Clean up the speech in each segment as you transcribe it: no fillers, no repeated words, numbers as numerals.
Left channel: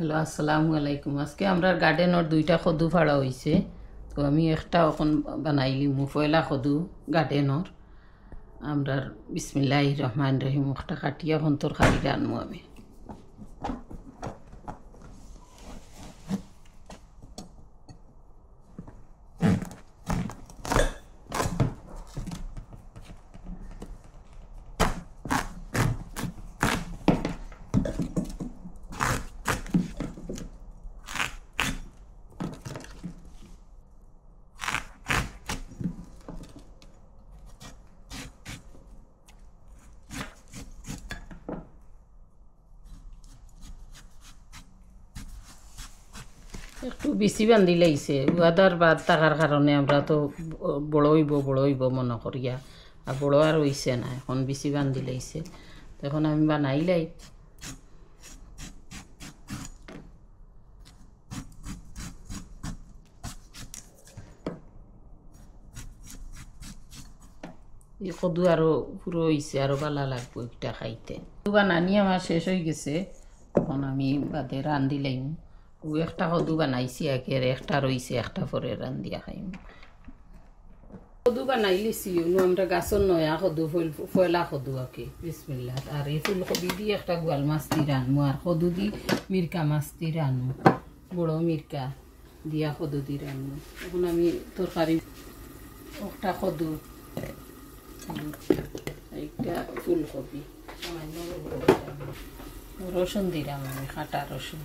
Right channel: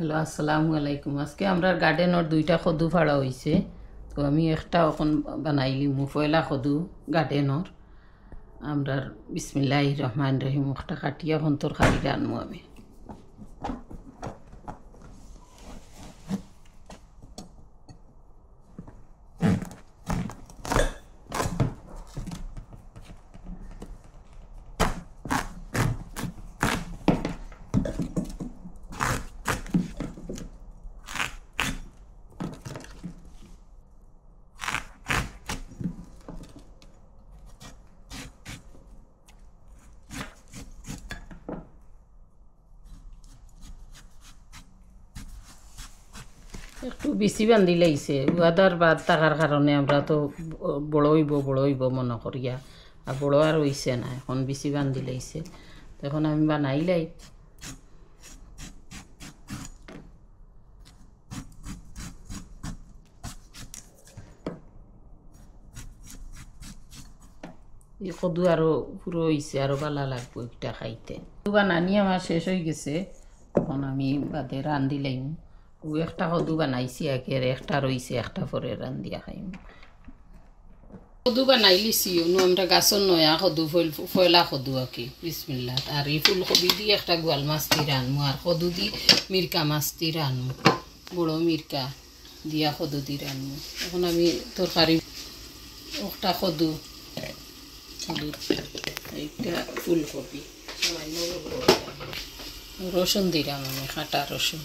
Hello, আসসালামু আলাইকুম। আজকে আমরা গার্ডেনের দুইটা কদু ফাড়া হয়েছে, তো আমি একটা এখন বানাইলি পয়লা কদু গার্ডেনর। আমরা বিসমিল্লাহির রহমানির রহিম একটা কাটিয়া এখন তরকারি রান্নু আমি। একটু বেশি বান্ধি লাগছে, উয়াদার বাদ থাকার কারণে আমরা তো বড় হইব মনে করিয়া, আর বড় আর হইছে না, এখন বেশি বান্ধি লাগছে। এখন আমি বানাইলাই। এই কদু আরো পুরো হয়েছে, আরো ভালো লাগবে এটা খাইতে। কদু বানানি আমার শেষ হয়ে গেছে, এখন আমি বাদে রান্ধি লাইম। ও একটা কদু বানাইছি আগে, একটা রয়েছে, একটা পরে রান্ধিয়া খাইম। কদু বানাই লিছি, আমরা গাছর নয়া কদু ফয়লা কদু আঁকি বিসমিল্লাহ। আর এই ফুলকপি দিয়ে একটা গোয়াল মাছ দি রানমু, আর কদু দি মিরকা মাছ দি রানমু, বড় মিরকা দিয়া কদু দি রানমু। এখন আমি তরকারি একটা কদু, একটা ফুলকপি, সামান্য রসুন দিলাম আমি, কাটা রসুন।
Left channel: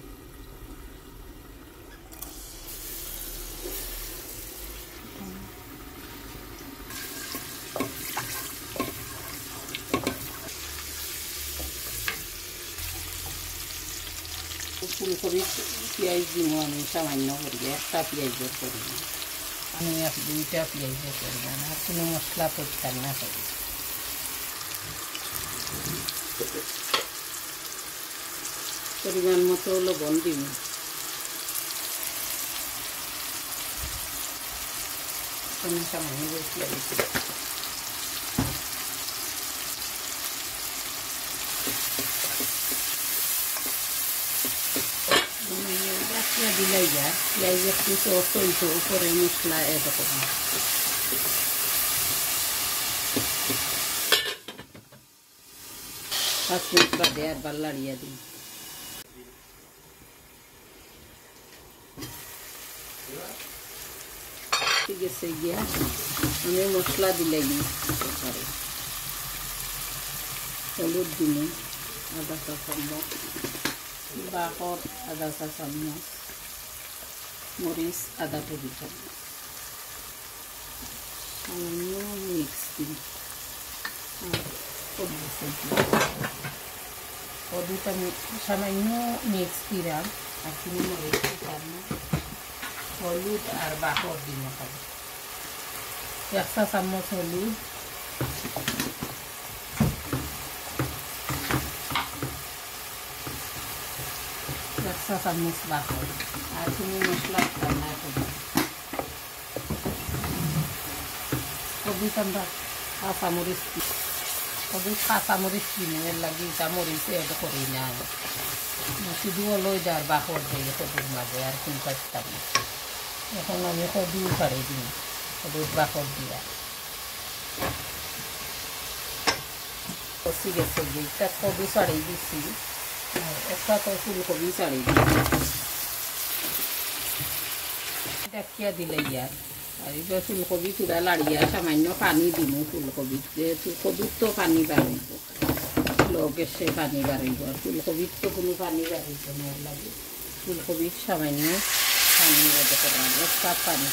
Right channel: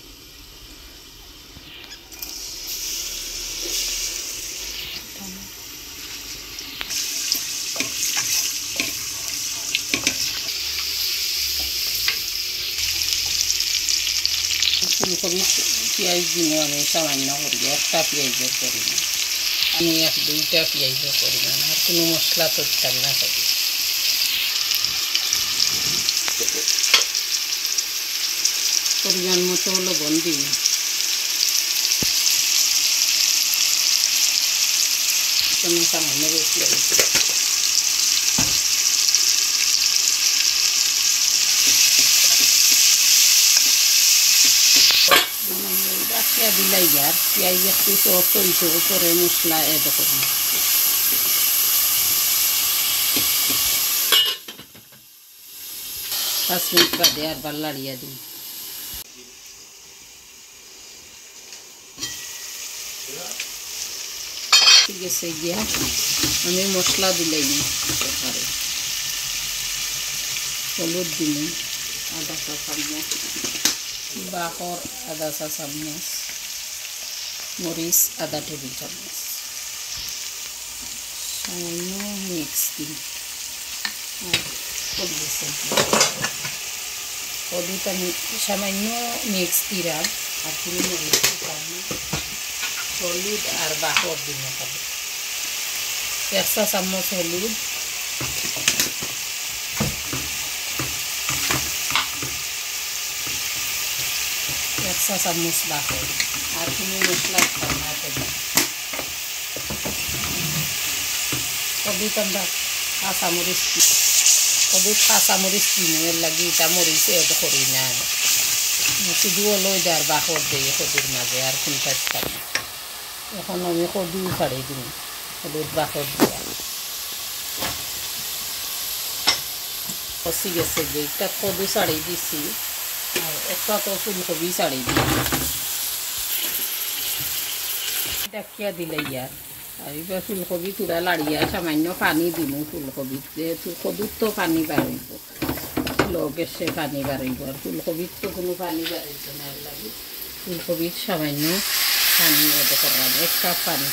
ফুলকপি পেঁয়াজ দিব আমি সামান্য করি, একটা পেঁয়াজের করি, আমি দুইটা পেঁয়াজও করব না, কোনো মশলা করতাম না করি। পরিমাণ মতো লবণ দিই, সামান্য বেশি লাগছে। দিলাই যার পেঁয়াজ একটু সফট হয়েছে, উপরে মশলা এড করব। 5 মিনিট বাদে আবার লাড়িয়ে দিই। ঠিক আছে, গিয়া আমি মশলা দিলে দিই, হলুদ দিন আধা চা চামচ, বাকর আধা চা চামচ, মরিচ আধা টেবিল চামচ, সামান্য মিক্স দিন, কদিটা সামান্য মিক্স দিলাম, আর তুমি হলুদ আর বাকর দিন, 1 চা চামচ হলুদ, 1 চা চামচ বাকর, আর তুমি মশলা খাওয়া করবে। কদিটা আমরা কাঁচামরিচ, কদিত কাঁচামরিচ কিনে এর লাগে এটা মরিচ এড করি না, শুধুও লই দেয় বাকর দিয়ে কদুর মাঝে, আর ফুলটা। এখন আমি কদু ছাড়ি দিই, হলুদ বাকর দিয়া কষি গেছে, একটা কদু ছাড়ি দিছি, আর একটা তো ফুলকপি ছাড়ি দিই, ডাকিয়া দিলে ইয়ার। আর এবার ফুলকপি তুলা লাড়িয়া সামান্য পানি দিব, ফুলকপির যেহেতু কদুর তো পানি বাড়িব, লগে সে পানি বাড়িব, আর ফুলকপির তো কোনো পানি বাড়িব না, লাগে ফুলকপির সামান্য পানি এড করা, 1 কাপ পানি।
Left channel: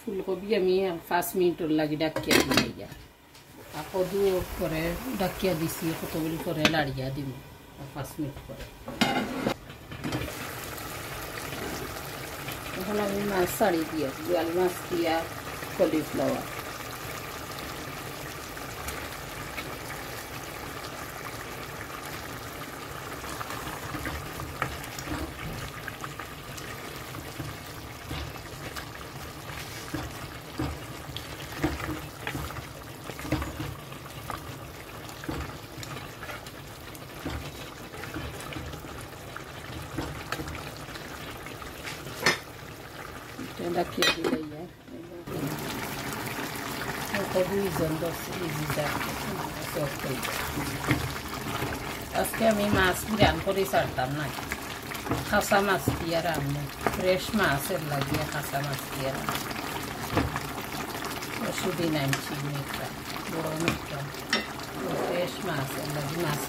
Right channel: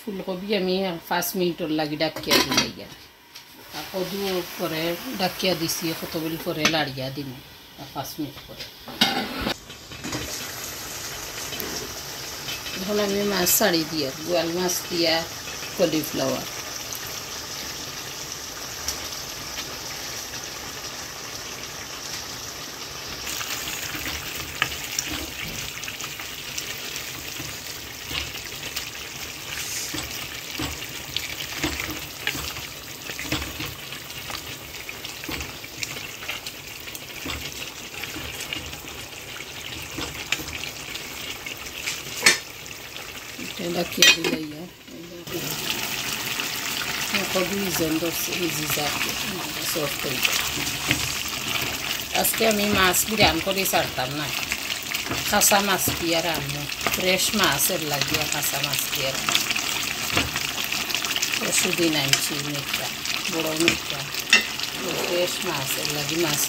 ফুলকপি আমি 5 মিনিটর লাগি ডাকিয়া দিই, আর কদু করে ডাকিয়া দিছি, কতগুলি করে লাড়িয়া দিন 5 মিনিট করে। এখন আমি মাছ ছাড়ি দিয়া, গোয়াল মাছ দিয়া কলিফ্লাওয়ার, দিলে কবি জেন্ডর ইজি সফট হয়ে যায়। আজকে আমি মাছ বিরান করে ছাড়তাম না, কাঁচা মাছ দিয়ে রান্না, ফ্রেশ মাছের লাগিয়ে কাঁচা মাছ দিয়ে রান্না। পরশুদিন আনছি মেঘটা, বড় মেঘটা, ফ্রেশ মাছের লাগি মাছ।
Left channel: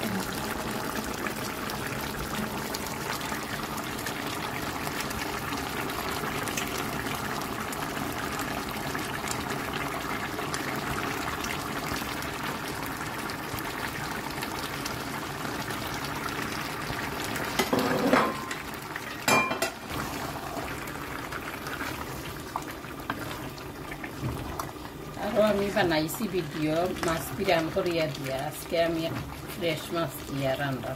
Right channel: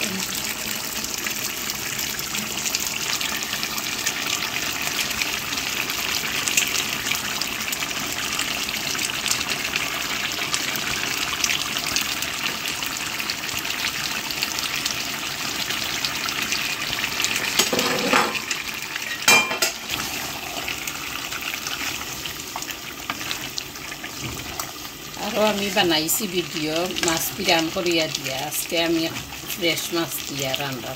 আরও আমি বানাইছি ভিডিও মাছ বিরান করিয়া দিয়া, আজকে আমি ফ্রেশ মাছ দিয়া রান্না।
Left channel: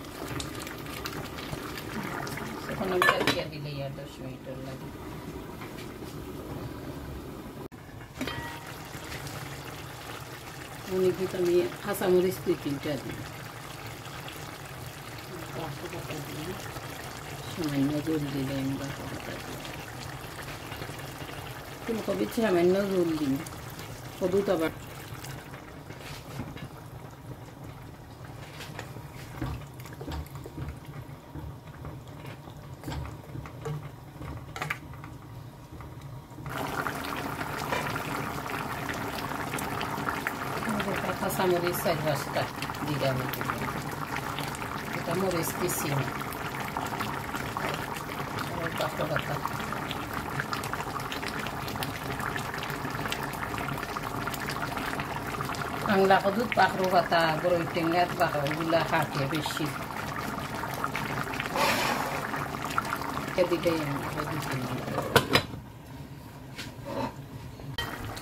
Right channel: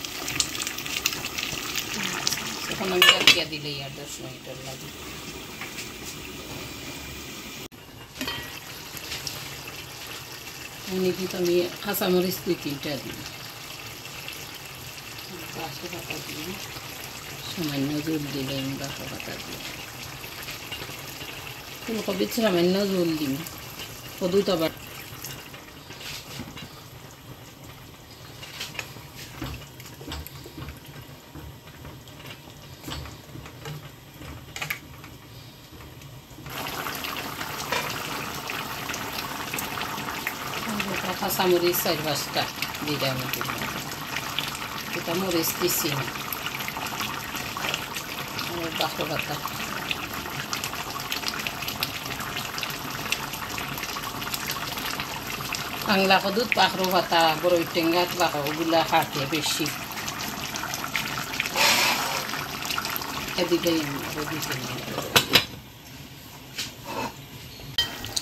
এখন আমি দিয়া দিলে আর 10 মিনিটের লাগে। কিন্তু আমি কাঁচামরিচ 2-3টা দিই, বাসা পাতা দিই, সামান্য জল দিলে আমি বাসা পাতা দিই, ফুলকপি সামান্য জল দিই, কদু তো আবার কাঁচামরিচ 4-5টা দিলাম, এটা মরিচ দিচ্ছি না, বাসা পাতা বাংলা কদুত পাখরো পাতা বড়ই টেঙ্গাত পাখো ওগুলা খাতে বেশি দিলেই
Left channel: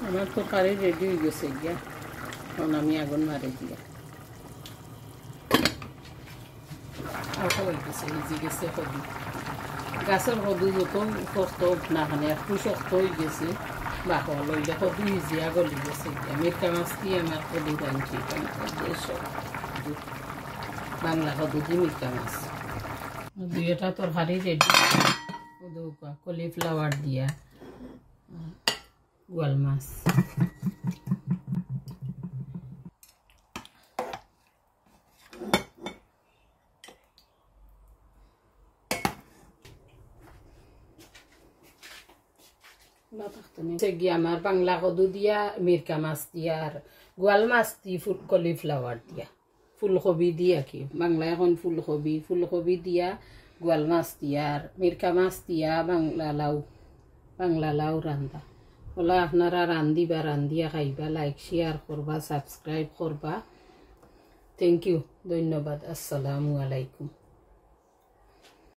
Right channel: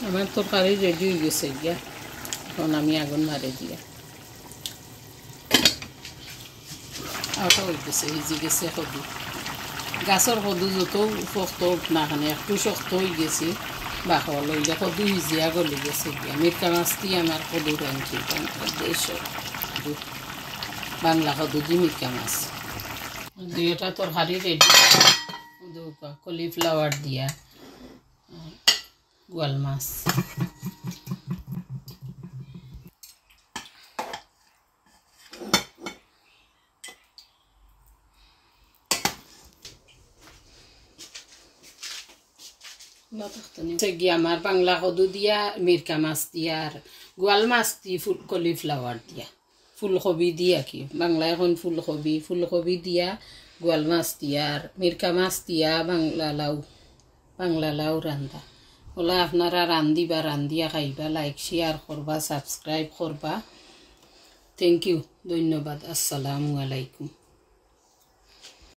আমার তরকারি রেডি হয়ে গেছে গিয়া। এখন আমি আগুন মারে দিয়া আটা হইতেছে, ভিজি গেছে কদু। গাছের কদু যত শক্ত না খানে একটু শক্ত হয়ে গেছে, বাহওয়া লইলে কদু ভিজিয়া গলি গেছে গিয়া। মিরকা মাছ দিয়ে আমার কদু রাঁধছি, বাংলা কদু দিয়ে মিরকা মাছ। দুইটা তরকারি রেডি, কলিফ্লাওয়ার দিয়া গোয়াল মাছ। আমার বাংলা কদু দিয়া মিরকা মাছ দিয়া আর গোয়াল মাছ দি কলিফ্লাওয়ার দিয়া, ফুলকপি দিয়া কি বাংলা এখন ফুলকপি দিয়া গোয়াল মাছ দিয়া আর মিরকা মাছ দিয়া বাংলা লাউ রান্ধা। ওলা আপনারা রান্ধিয়া খাইবা, লাইক শেয়ার করবা, সাবস্ক্রাইব করবা। থ্যাংক ইউ, ধন্যবাদ। আসসালামু আলাইকুম।